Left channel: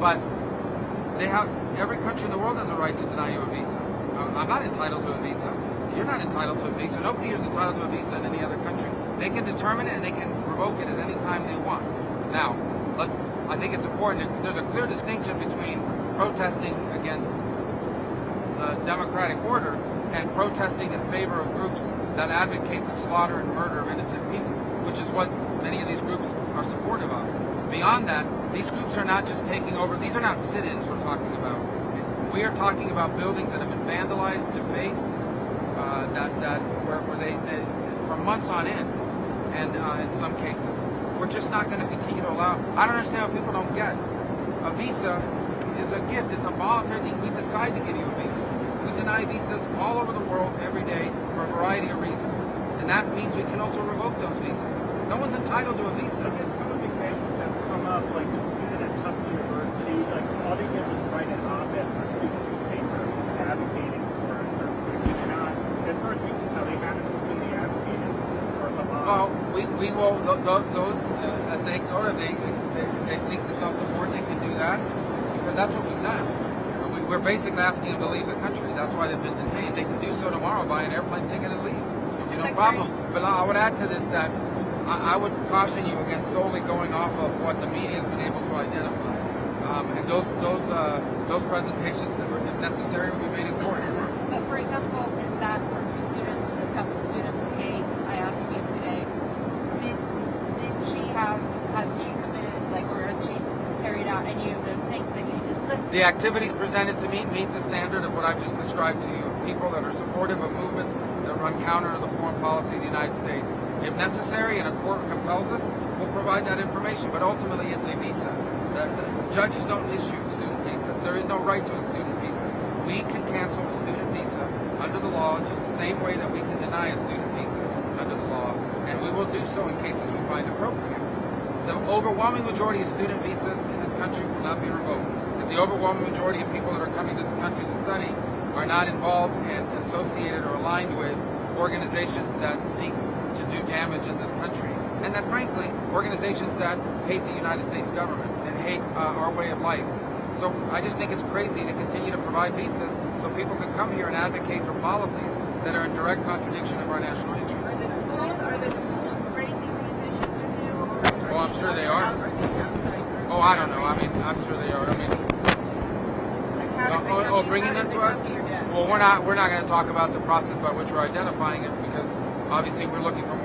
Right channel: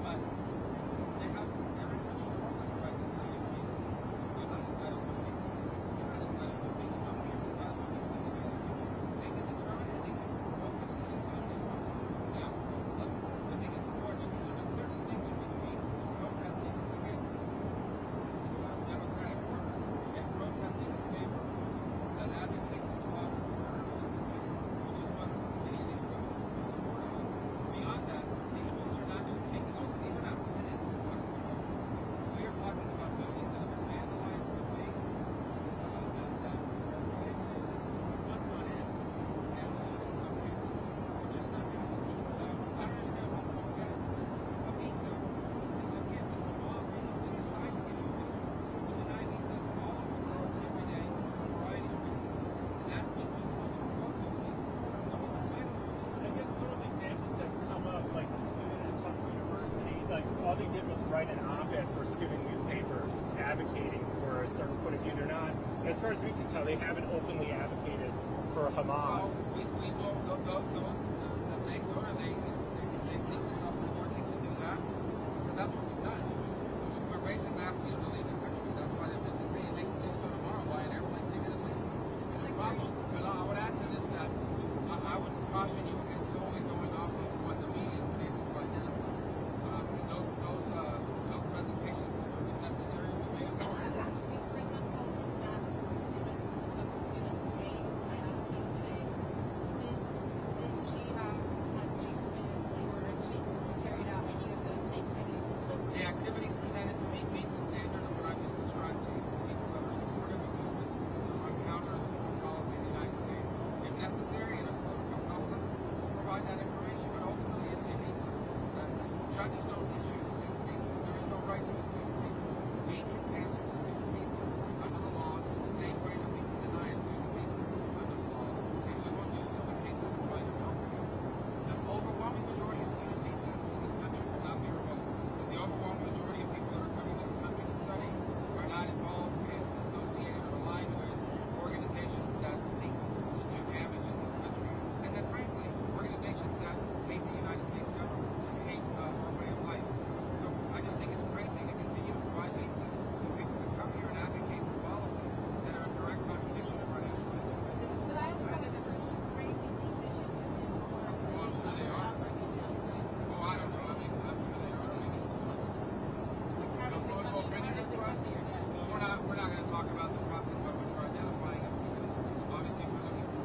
But every country in the world has a right to deny you a visa. I'm not entitled to a visa. You're not entitled to a visa. Nobody is entitled to a visa in any other country. They can determine it and they can revoke it at any time they want. Now, I think it's important. There's a clear distinction between protesting against democratic order and protesting in favor of groups that advocate the slaughter and murder of innocent people, which is what many of these groups are supportive of. Beyond that, these groups are not just taking over. These are not sit-ins we're talking about. We are talking about buildings that have been vandalized, defaced, where they for months on end, and in some cases, we're just not going to continue to allow. I don't understand what people don't get. A visa is a gift. It's a voluntary thing. We decide to give you a visa. We deny visas all over the world every day for a variety of reasons, and that means we can also revoke those visas. No one's entitled to a visa. I guess some of the examples have come up, like the student at Tufts University, like all they did was write an op-ed for a student newspaper advocating for a certain thing. They're not, as far as we can tell, they haven't openly advocated for Hamas. Well, we will, those, as they go to, they seek the self-report, they can do that, because that's what we've done. We're basically asking them to leave the country. That's why they've been detained. They can do so tomorrow, buy an airplane ticket and leave. It's no problem. But I would add to this that I would caution you against solely going off of what the media has been able to identify. And those presentations, if necessary, will be made in court. But for example, in that students, the Tufts students case, I asked you today, has she committed, or has she carried out any of those things that you just listed? The activities presented to me meet the standard of what I've just described to you, of people that are supportive of movements that run counter to the foreign policy of the United States. If necessary and a court compels us, we'll provide that information, but ultimately it's a visa. The judges don't issue student visas. There is no right to a student visa. We can cancel a student visa under the law just the same way that we can deny a student visa under the law, and we will do so in cases we find appropriate. The overwhelming majority of student visas in this country will not be revoked, because the overwhelming majority of people that are coming to this country to study are not involved and associated or aligned with organizations that seek to do damage in this country, and that frankly, organizations that hate the United States government and hate our way of life. So I just think it's crazy to continue to provide visas so people can come here and advocate for policies that are in direct contradiction of our national interests. Are the schools raising these issues with you? Oh, I'm sure they are. Oh, I don't know. I mean, I'm sure they are. I mean, bringing that to us? Well, we're not going to talk about the process by which we're identifying it, because obviously we're looking for